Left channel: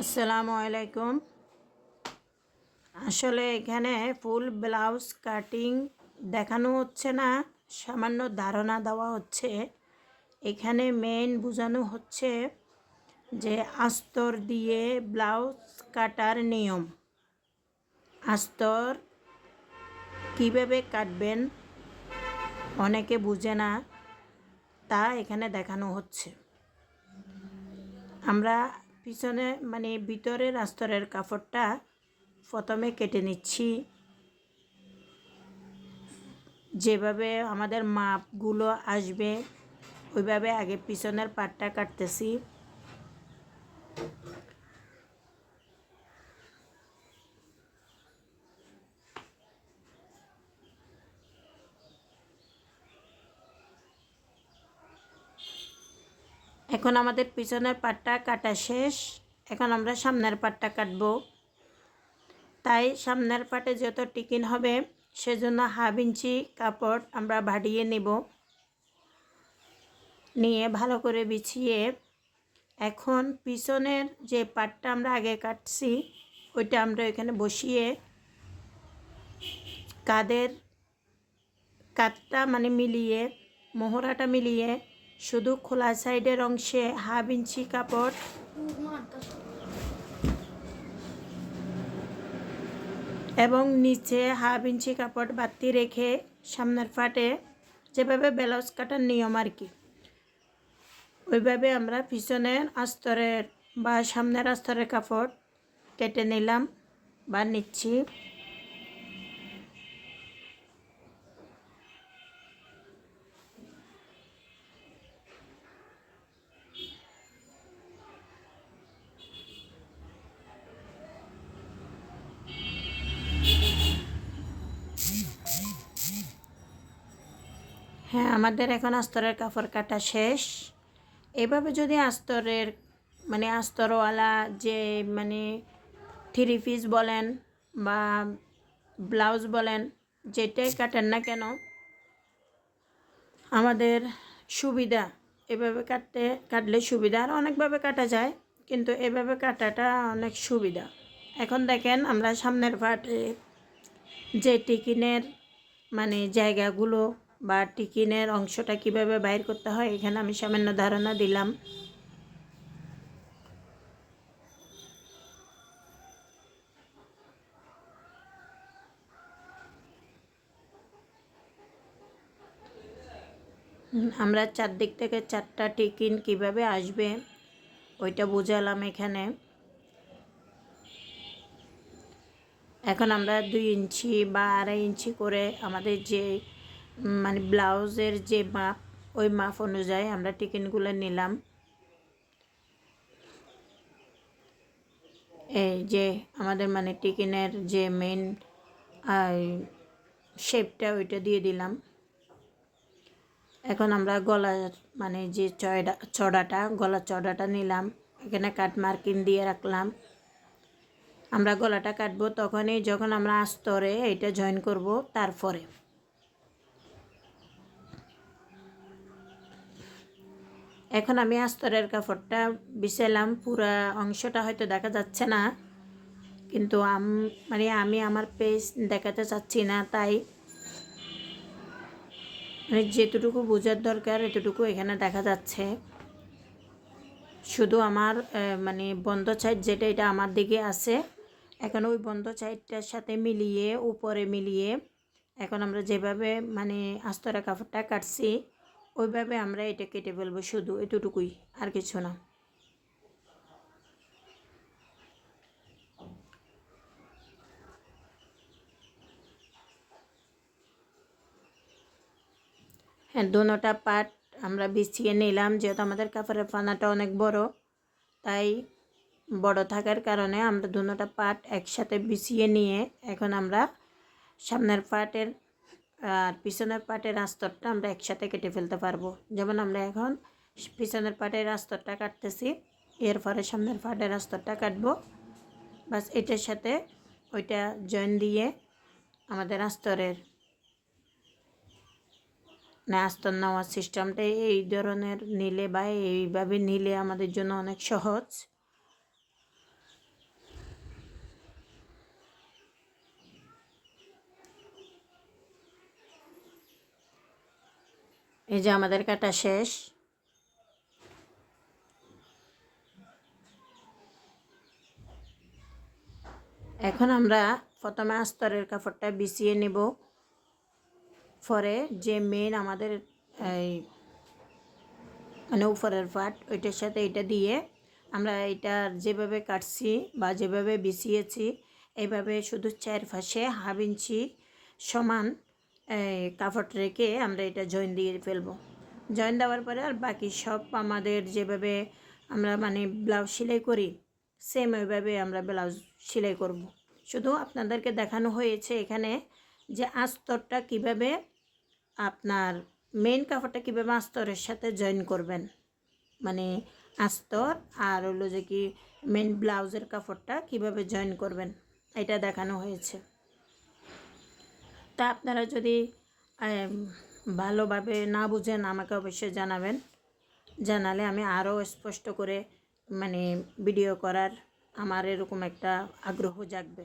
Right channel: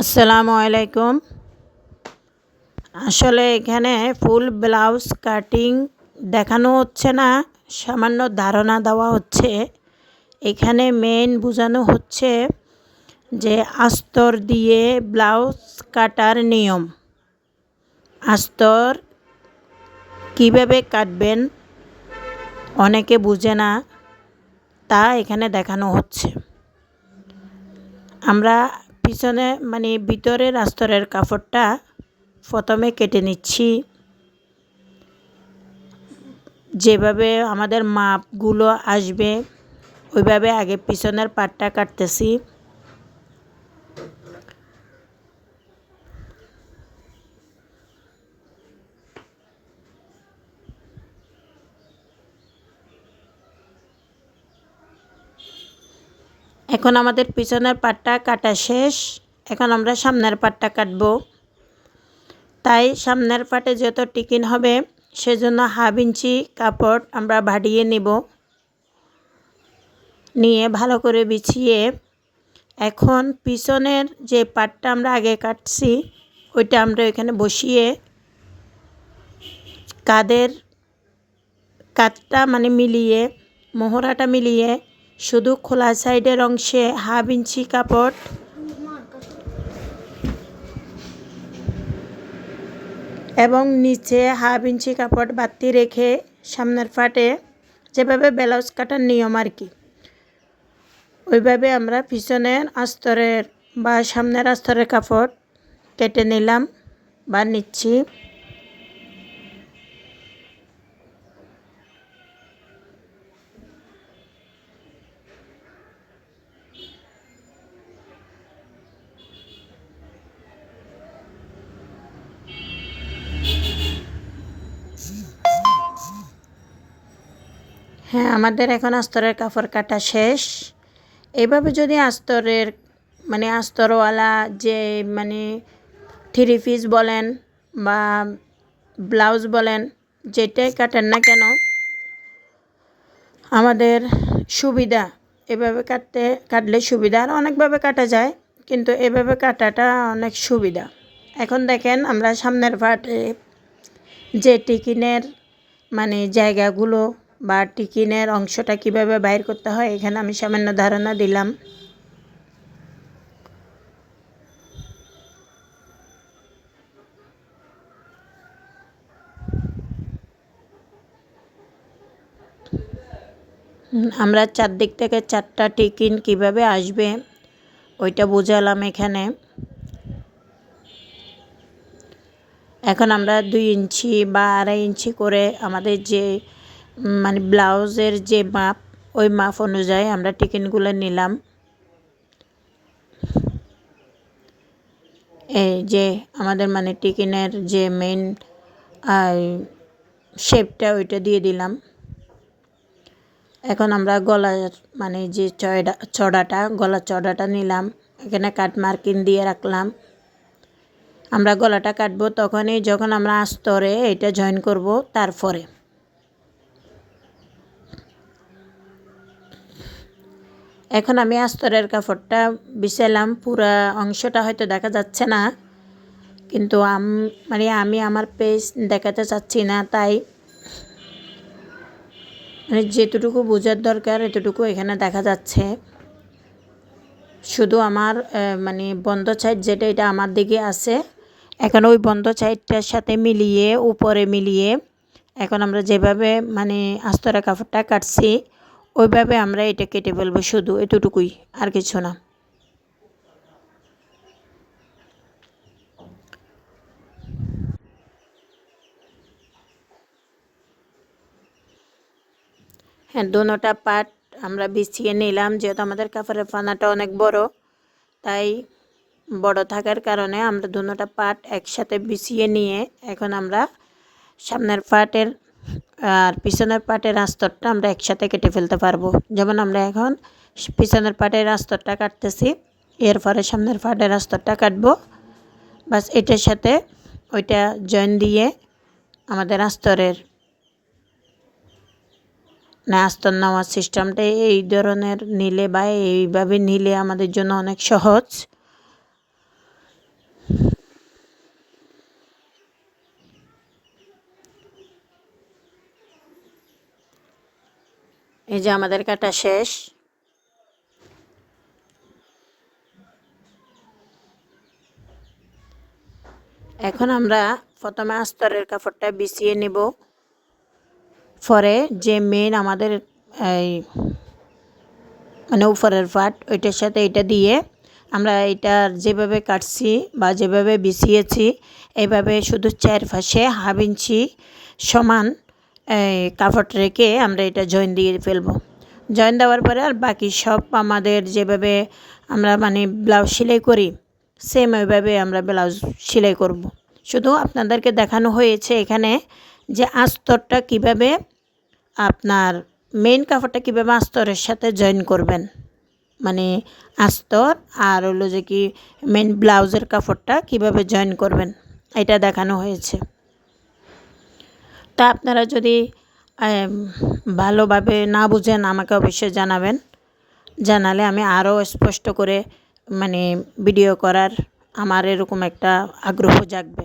আসসালামু আলাইকুম। আসলে এখানে ফুল ব্লাউজ কাটিং দেখানো হচ্ছে না, সামান্য ধারণা দেওয়া হচ্ছে। এখানে মেইন বোঝানো হচ্ছে যে আস্তর দিয়ে ব্লাউজ কাটার নিয়ম। আস্তর কিভাবে কাটবেন অনেকে বুঝে না, তা এখানে দেখানো হচ্ছে। আমরা পিছনে ভিতরের আস্তরের কাপড়টা প্রথমে কেটে নিচ্ছি। যেভাবে আমাদের মাপগুলো আসবে ওইভাবে আগে পিছনের পাটটা কাটতেছি। এখন আমাদের পিছনের পাটটা কাটা শেষ। এখন আমরা সামনের পাটটা কাটব। তাই সামনের পাটে যত টিকিন হবে সেজন্য 1/2 ইঞ্চি কাপড় আমরা ভাড়িয়ে নেব। নিয়ে ভালো করে বিছিয়ে এখন পিছনের যে পাটটা আমরা আগে কাটছি ওইটা আমরা এখানে বসিয়ে কাঁধের কাঁধটা মিলিয়ে মোহরাটা মিলিয়ে শুধু খোলা সাইডের অংশে 1/2 ইঞ্চি কাপড় এবং নিচে 1/2 ইঞ্চি কাপড় বাড়তি রেখে সামনের পাটে যেভাবে ব্লাউজ কাটার নিয়ম আর কি, ওইভাবে আমরা পিছনের আস্তরের বা সামনের আস্তরের কাপড় কেটে নিলাম বা নিচ্ছি। হ্যাঁ, আমাদের এখন আস্তরের কাপড় কাটা শেষ। এইভাবে যদি আস্তরের আস্তরওয়ালা যে 3 পিস বলেন বা ব্লাউজ বলেন, যেটাই কাটেন না কেন আমাদের সুবিধা। এভাবে কাটলে সুবিধা, আর অনেকভাবে কাটা যায়, কিন্তু এভাবে কাটাটা অনেক সুবিধা। এখন দেখেন আমরা সামনের পাটে যে টিকিনের জায়গাগুলো বা টিকিনের অংশটা কিভাবে বাইর করতে হয় এখানে আমি সামান্য ধারণা দিলাম। আমরা চারদিক থেকে 4টা টিকিন কিভাবে আসবে ওইটা বোঝালাম এখানে। এখন আমরা 2 ইঞ্চি বা 2.5 ইঞ্চি করে আমাদের যে ব্লাউজের যে মাপ ওই মাপ অনুযায়ী আমরা টিকিনগুলো নিলাম। এই যে আমাদের টিকিনের যে মেইন শেপটা ওইটা দিয়ে দিলাম। এখন আমরা গলার যে গলার চড়াটা নিলাম, এখানে কাট মার্কিং দিয়ে রাখলাম। আমরা গলাটা কাটবো তখনই যখন আমরা আস্তরে এটা জয়েন করব। তারপরে এখন আমি আস্তরের কাপড়টা বিছালাম। পুরা অংশটা হয়তো দেখা যাচ্ছে না, কিন্তু আমি আমার পেজ দেখাতে চাচ্ছি না, তাই যেতটুকু বোঝার দরকার এতটুকু এখানে দেখা যাচ্ছে। শুধু আমার বন্ধ সাইড যেটা এটা আমার দিকে আছে। এখন ওই বন্ধ সাইডটার সাথে মিলিয়ে উপরে মিলিয়ে এখন আমরা যেভাবে আস্তরের কাপড়টা কাটছি ওইভাবে আমরা এটা কেটে ফেলবো, শুধু এতটুকুই, আর কিছু না। হ্যাঁ, দোনোটা পার্ট আমরা বিছিয়ে নিলাম। যেহেতু আমাদের কাপড়ের পানাটা অনেক বড়, তাই বড় থাকার কারণে আমরা দোনোটা পার্ট একসাথে বিছিয়ে নিয়ে এখন আমরা সামনের পার্টের আর পিছনের পার্টের আস্তরটা আমরা একসাথে কেটে ফেলতে পারবো। যেমন আমরা এখন পিছনের পার্টের আস্তরটা কাটতেছি, এরপরে সামনের পার্টের আস্তরটা কাটবো। বাস এটার সাথে ওইটা জয়েন দিয়ে আমাদের আস্তরের আস্তর নেওয়ার সিস্টেমটা এই ধরনের নিলে বা এইভাবে নিলে আমাদের জন্য অনেক সহজ। এই যে আমাদের কাটা শেষ। এখন আমরা প্রথমে আস্তরের কাপড়টা বিছিয়ে নেব, পরে যে মেন আমাদের এই মানে উপরের পাট ওইটার সাথে এটা দিয়ে আমরা এটার যেভাবে কাটছি বা যেভাবে বিছিয়েছি এইভাবে শুধু চারপাশে হাফ ইঞ্চি সমান কাপড় রেখে আমরা এটা জয়েন দিয়ে ফেলবো। জয়েন দেওয়ার পরে আর বাকি সব আমাদের যেভাবে আমরা মানে ব্লাউজ সেলাই করি সেম ওইভাবে আমরা ব্লাউজ সেলাই করব। শুধু আপনাদেরকে দেখানো হয়েছে এখানে যে আস্তরটা কিভাবে আপনার মেইন কাপড়টা কীভাবে আস্তরের সাথে জয়েন করবেন, মানে আস্তর আর হলো যে কি মেন ব্লাউজের কাপড়টা কিভাবে জয়েন করবেন এটা দেখানো হয়েছে। তা আপনারা যদি ভালোভাবে না বুঝেন আমাকে অবশ্যই জানাবেন, জানালে আমি আরও স্পষ্ট করে মানে ভিডিও করার আমার এরকম একটা আগ্রহ জাগবে।